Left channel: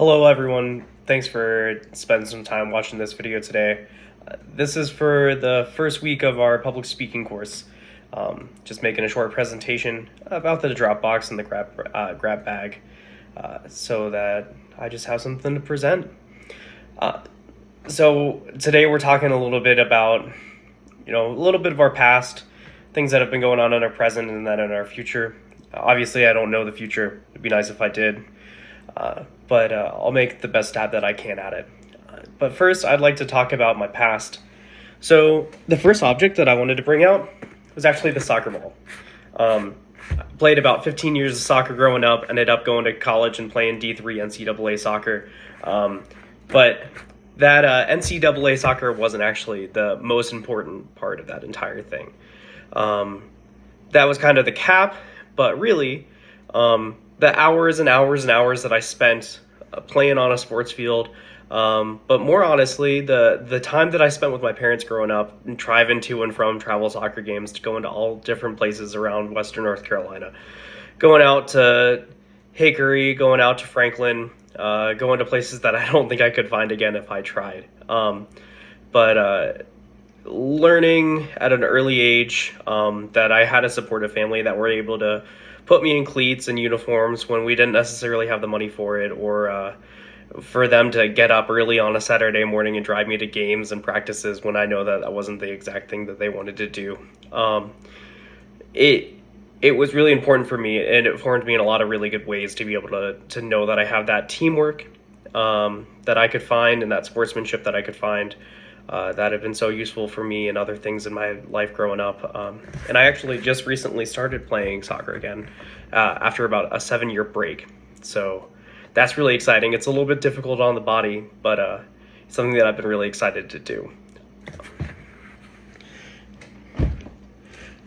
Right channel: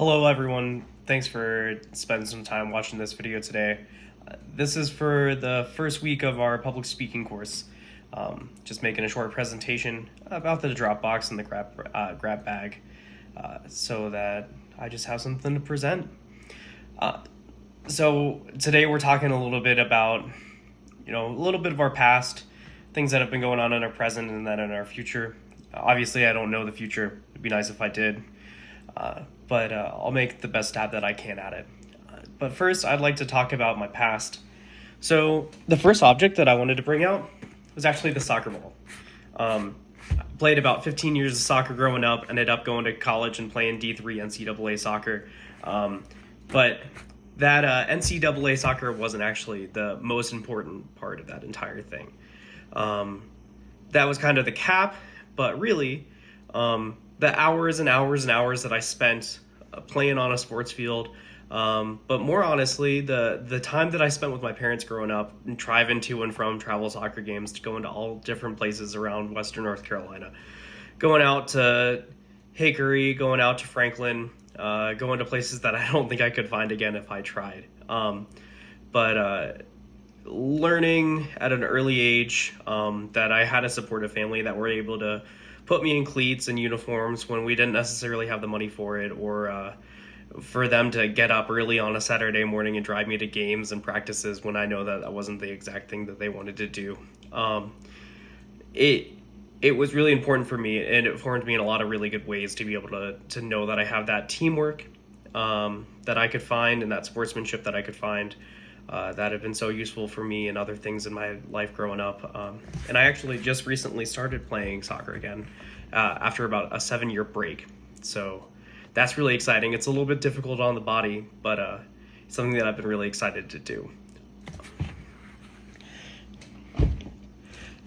Hello everyone, thanks for spending some time watching this video today. This is for the first week of our public speaking course. Just making a short presentation about the Dropbox and the grab bag so that I just have something to present. So today we're talking a little bit about, a little bit of our past, things that have been going on in our present and then in our future. Obviously I don't know the future, it'd be nice if I did. But I'll make the best stab that I can at it. But first, I'd like to talk about my past. So the first object that I wanted to bring out was actually the soccer ball. I played about 15 years of soccer growing up, ended up going to college and playing D3 NCAA soccer. But that NCAA soccer wasn't actually the most important part of that entire thing. That was kind of the cap, but really, the hours and hours and hours that I spent playing on a sports field, but more honestly, the time that I spent with my parents growing up and driving to and from travel soccer games, to going to all different places around Western North Carolina, going out to Hickory, going out to Franklin, going to places that I don't think I could find again if I tried. But learning at an early age that I had a supportive family that were able to put me in cleats and uniforms when we didn't necessarily have the money for it, or for them to get up early on a Saturday morning and drive me to games and practices when I know that wasn't the exact thing that they wanted to do. It was really important for me, and it formed me in a lot of really good ways to be able to know that I have that teamwork that I could find, and that sportsmanship that I could find, that have been so useful for me and other things in my life growing up. And I actually just recently started playing soccer again after about a 7-year break. So that's really exciting. It's a little bit difficult on the body, but something that I've been really excited to do.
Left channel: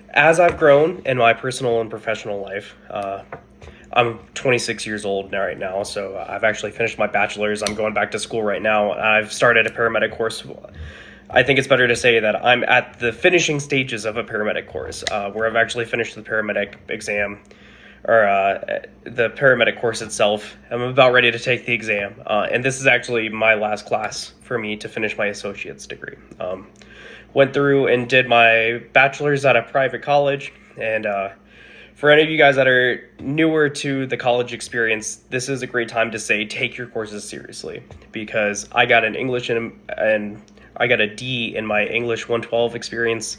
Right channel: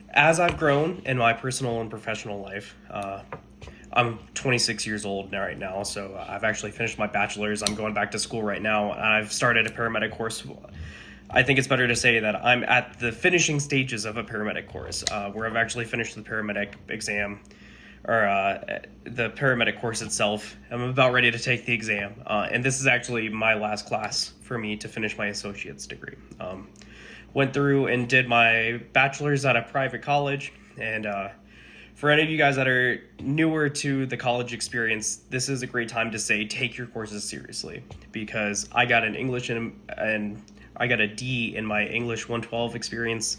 As I've grown in my personal and professional life, I'm 26 years old right now, so I've actually finished my bachelor's. I'm going back to school right now. I've started a paramedic course. I think it's better to say that I'm at the finishing stages of a paramedic course, where I've actually finished the paramedic exam, or the paramedic course itself. I'm about ready to take the exam, and this is actually my last class for me to finish my associate's degree. Went through and did my bachelor's at a private college, and for any of you guys that are newer to the college experience, this is a great time to say take your courses seriously, because I got an English and I got a D in my English 112 experience,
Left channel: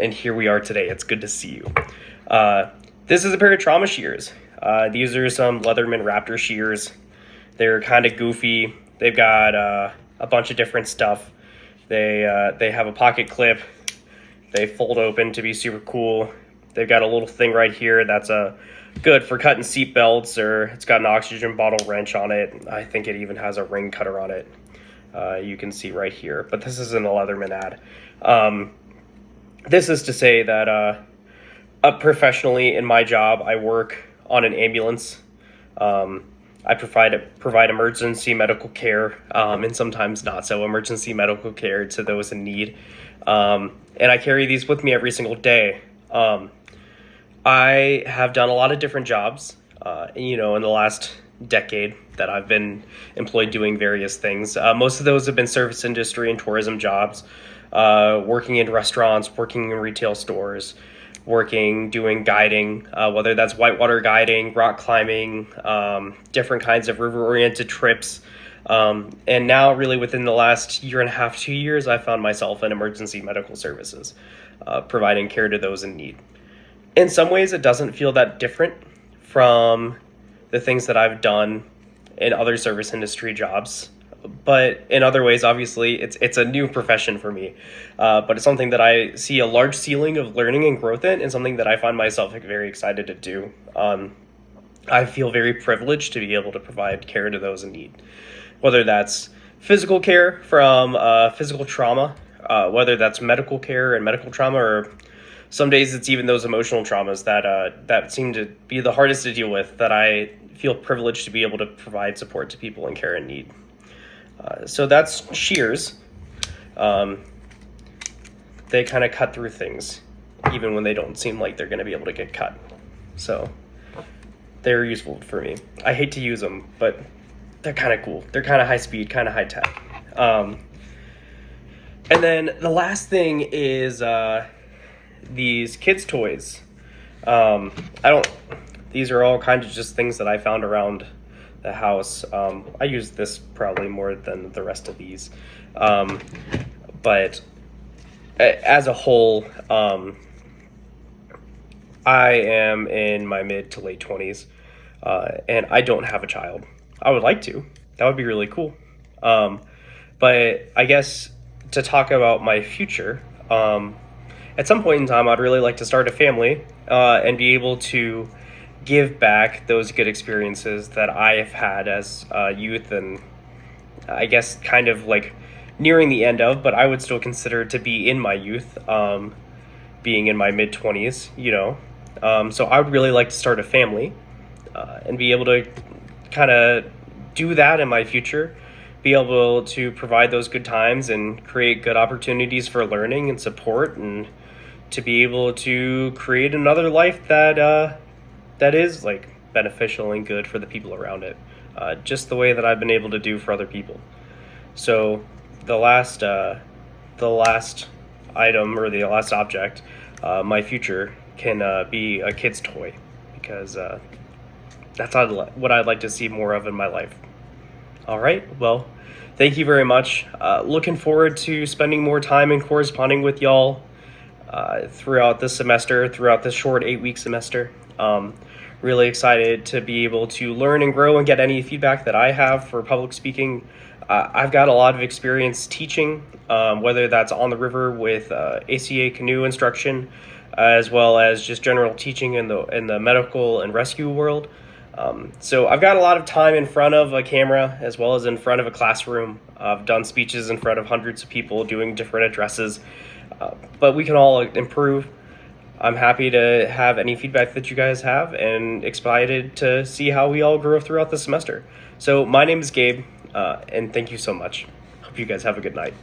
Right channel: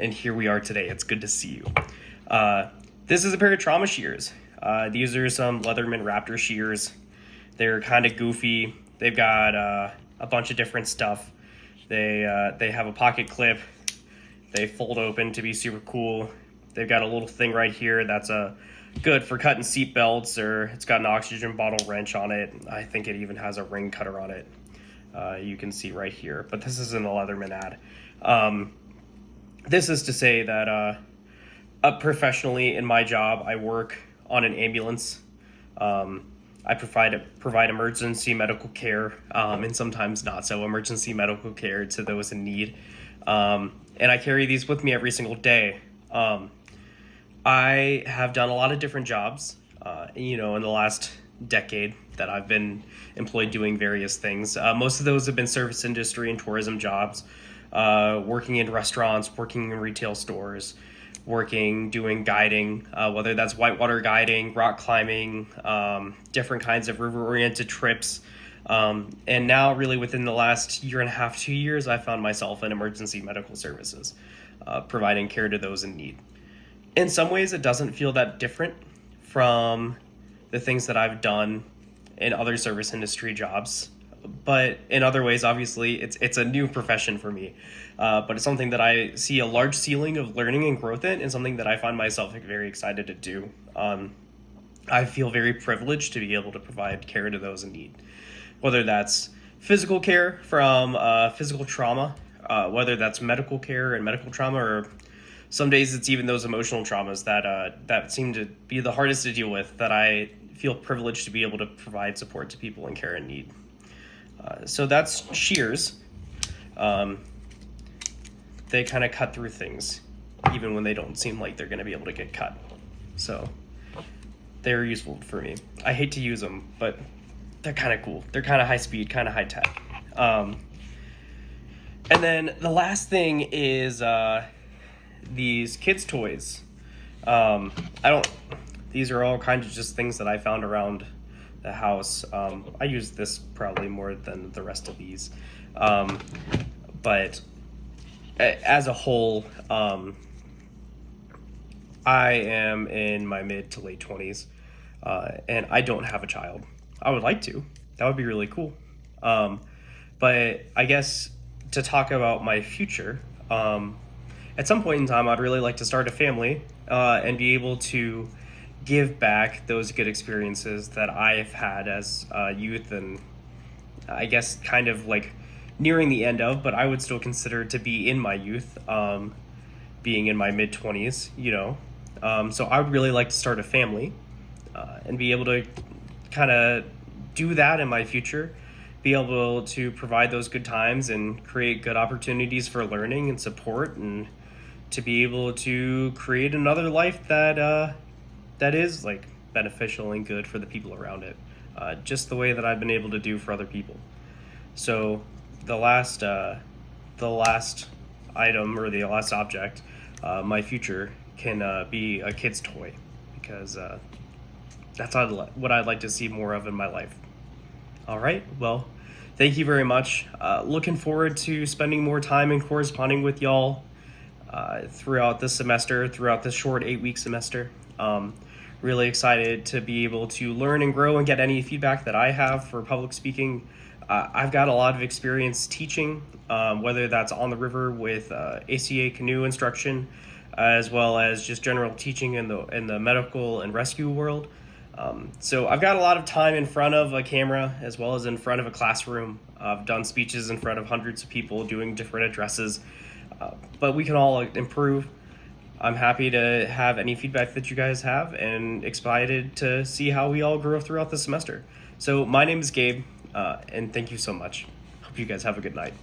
and here we are today. It's good to see you. This is a pair of trauma shears. These are some Leatherman Raptor shears. They're kind of goofy. They've got a bunch of different stuff. They have a pocket clip. They fold open to be super cool. They've got a little thing right here that's good for cutting seat belts, or it's got an oxygen bottle wrench on it. I think it even has a ring cutter on it. You can see right here, but this isn't a Leatherman ad. This is to say that professionally in my job, I work on an ambulance. I provide emergency medical care, and sometimes not so emergency medical care to those in need. And I carry these with me every single day. I have done a lot of different jobs, in the last decade that I've been employed doing various things. Most of those have been service industry and tourism jobs, working in restaurants, working in retail stores, doing guiding, whether that's whitewater guiding, rock climbing, different kinds of river-oriented trips. And now really within the last year and a half, 2 years, I found myself in emergency medical services, providing care to those in need. In some ways, it doesn't feel that different from the things that I've done in other service industry jobs. But in other ways, obviously, it's a new profession for me. But it's something that I see a large ceiling of learning and growth in, and something that I find myself very excited to do. I feel very privileged to be able to provide care to those in need, whether that's physical care from physical trauma, whether that's medical care and medical trauma, or some days it's even those emotional traumas that seem to be the hardest to deal with, that I feel privileged to be able to provide support to people in care and need. So that's shears. They kind of cut through things, even when they don't seem like they're going to be able to get cut. So they're useful for me. I hate to use them, but they're kind of cool. They're kind of high speed, kind of high tech. And then the last thing is these kids' toys. These are all kinds of just things that I found around the house. I use this probably more than the rest of these. But as a whole, I am in my mid to late 20s, and I don't have a child. I would like to. That would be really cool. But I guess to talk about my future, at some point in time, I'd really like to start a family and be able to give back those good experiences that I have had as youth, and I guess kind of like nearing the end of, but I would still consider to be in my youth, being in my mid 20s, So I would really like to start a family and be able to kind of do that in my future, be able to provide those good times and create good opportunities for learning and support, and to be able to create another life that is like beneficial and good for the people around it, just the way that I've been able to do for other people. So the last item, or the last object, my future can be a kid's toy, because that's what I'd like to see more of in my life. All right, well, thank you very much. Looking forward to spending more time and corresponding with y'all throughout this semester, throughout this short 8-week semester. Really excited to be able to learn and grow and get any feedback that I have for public speaking. I've got a lot of experience teaching, whether that's on the river with ACA canoe instruction, as well as just general teaching in the medical and rescue world. So I've got a lot of time in front of a camera as well as in front of a classroom. I've done speeches in front of hundreds of people doing different addresses, but we can all improve. I'm happy to have any feedback that you guys have, and excited to see how we all grow throughout the semester. So my name is Gabe, and thank you so much. Hope you guys have a good night.